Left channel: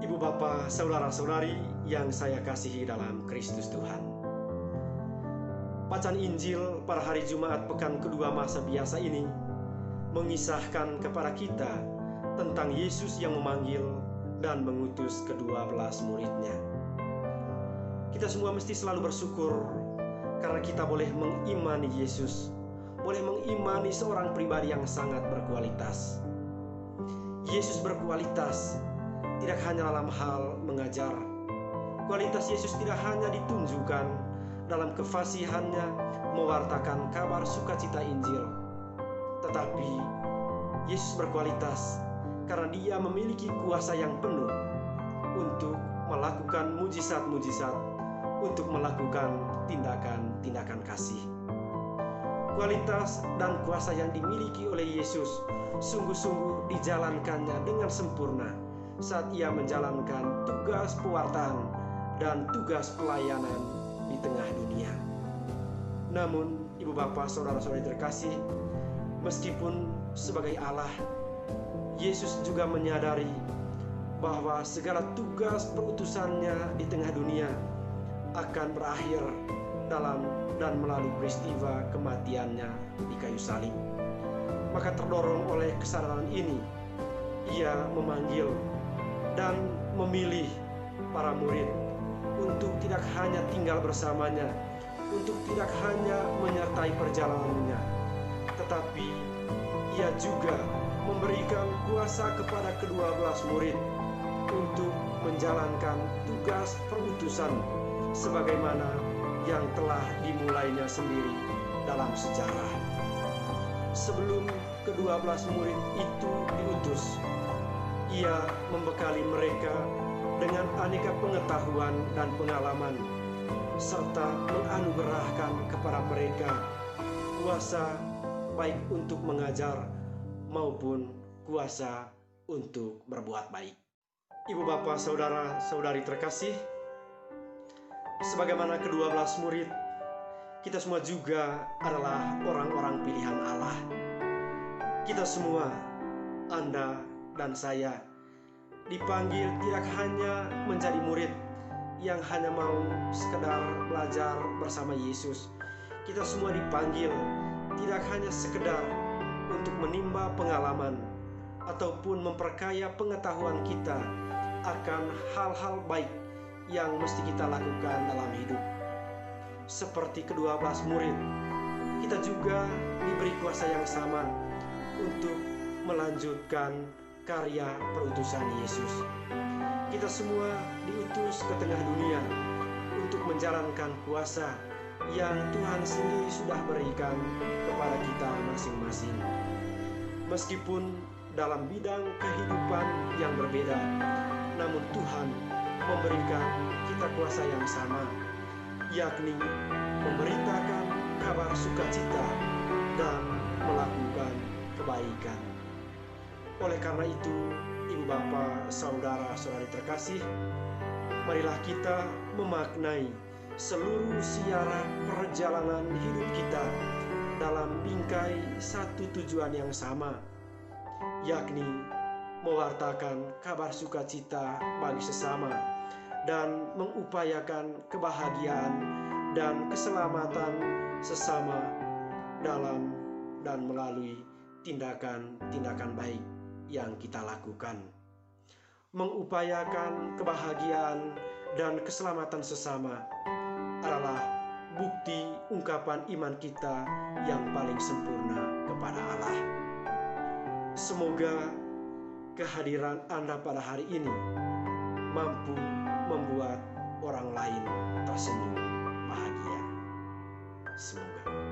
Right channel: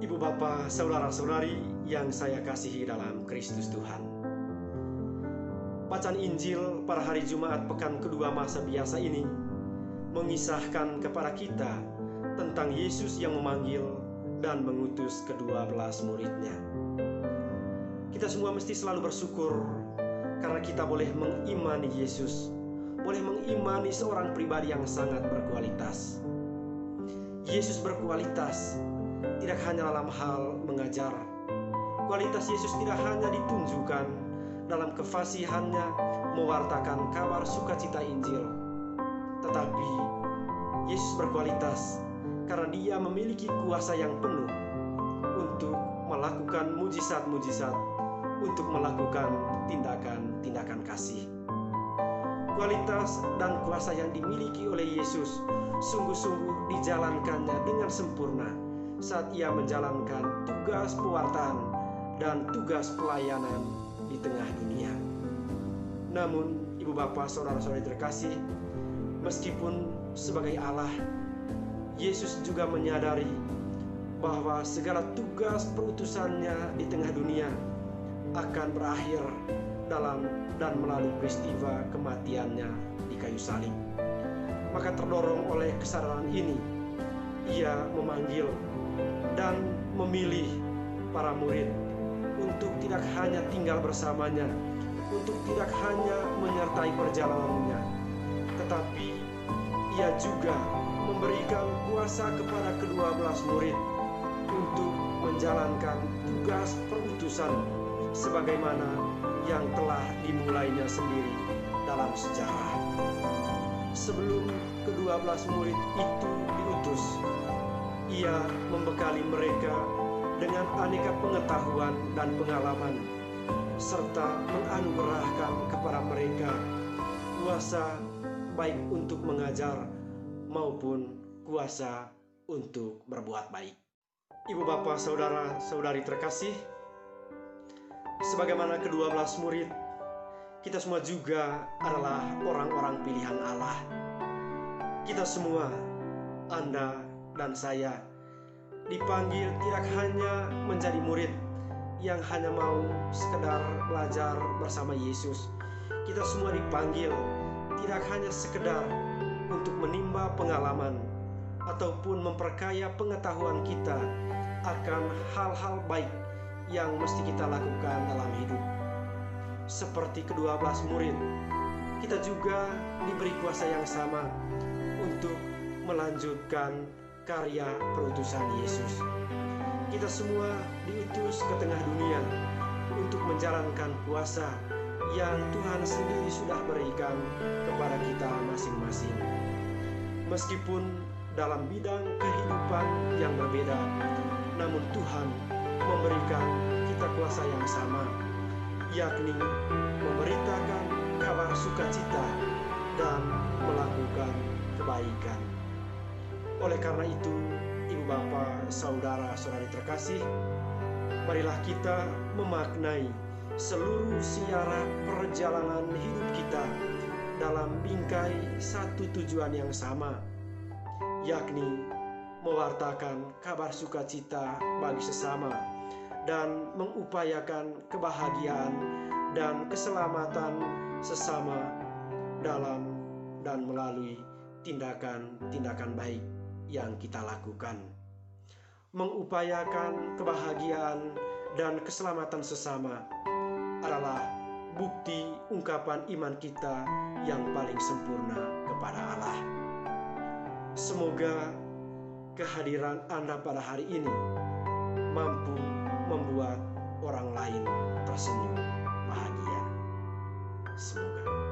Ibu bapa, saudara-saudari yang saya kasihi dalam Kristus Tuhan. Bacaan Injil pada hari Jumat pekan kedua masa biasa ini mengisahkan kepada kita tentang Yesus yang memanggil dan mengutus ke-12 muridnya. Kita semua mesti selalu bersyukur karena kita boleh mengimani Yesus, boleh mengimani seorang pribadi yang sangat berkualitas. Yesus berkualitas tidak hanya dalam hal mengajar. Kualitas Yesus tidak hanya ditunjukkan dalam kefasihannya mewartakan kabar sukacita Injil, tetapi Yesus berkualitas karena Dia memiliki kuasa yang penuh untuk melakukan mujizat-mujizat, untuk melakukan tindakan-tindakan kasih. Kualitas dan kuasa yang dimiliki oleh Yesus sungguh-sungguh dijalankannya dengan sempurna saat Ia menjalankan tugas pewartaan dan tugas pelayanan di tengah dunia. Namun, ibu bapa, saudara-saudari terkasih, meskipun sebagai Allah, Yesus juga menyadari bahwa segala tugas perutusannya di tengah dunia akan berakhir dalam dan melalui peristiwa kematiannya di kayu salib. Maka terdorong oleh kesadaran ini, Ia memanggil dan memilih para murid untuk tidak hanya tinggal bersamanya, untuk tidak hanya menyertai perjalanannya, tetapi Ia juga memberikan kuasa kepada ke-12 murid untuk menjalankan tugas perutusan sebagaimana yang telah dimulainya sendiri dalam sejarah. Sebelum ke-12 murid itu diutus, Ia membekali mereka dengan aneka pengetahuan dan pengalaman, serta menganugerahkan kepada mereka kuasa baik untuk mengajar maupun kuasa untuk berbuat baik. Ibu bapa, saudara-saudari terkasih, sebagaimana ke-12 murid, kita semua juga adalah orang-orang pilihan Allah. Kita semua, Anda dan saya, dipanggil tidak hanya menjadi murid yang hanya mau sekedar belajar bersama Yesus. Kita semua dipanggil tidak hanya sekedar untuk menimba pengalaman ataupun memperkaya pengetahuan kita akan hal-hal baik yang mesti kita lakukan dalam hidup. Seperti ke-12 murid, kita juga diberi kuasa yang sama untuk melanjutkan karya perutusan Yesus. Kita semua diutus ke tengah dunia untuk menjalankan kuasa yang Tuhan sendiri sudah berikan kepada kita masing-masing. Meskipun dalam bidang kehidupan yang berbeda, namun Tuhan memberikan kita kuasa yang sama, yakni memberitakan kabar sukacita dan melakukan kebaikan. Oleh karena itu, ibu bapa, saudara-saudari terkasih, marilah kita memaknai seluruh siara perjalanan hidup kita dalam bingkai satu tujuan yang sama, yakni mewartakan kabar sukacita bagi sesama dan mengupayakan kebahagiaan dan keselamatan sesama dalam dan melalui tindakan-tindakan baik yang kita lakukan. Mengupayakan kebahagiaan dan keselamatan sesama adalah bukti ungkapan iman kita yang paling sempurna kepada Allah. Semoga kehadiran Anda pada hari ini mampu membuat orang lain tersenyum bahagia. Semoga.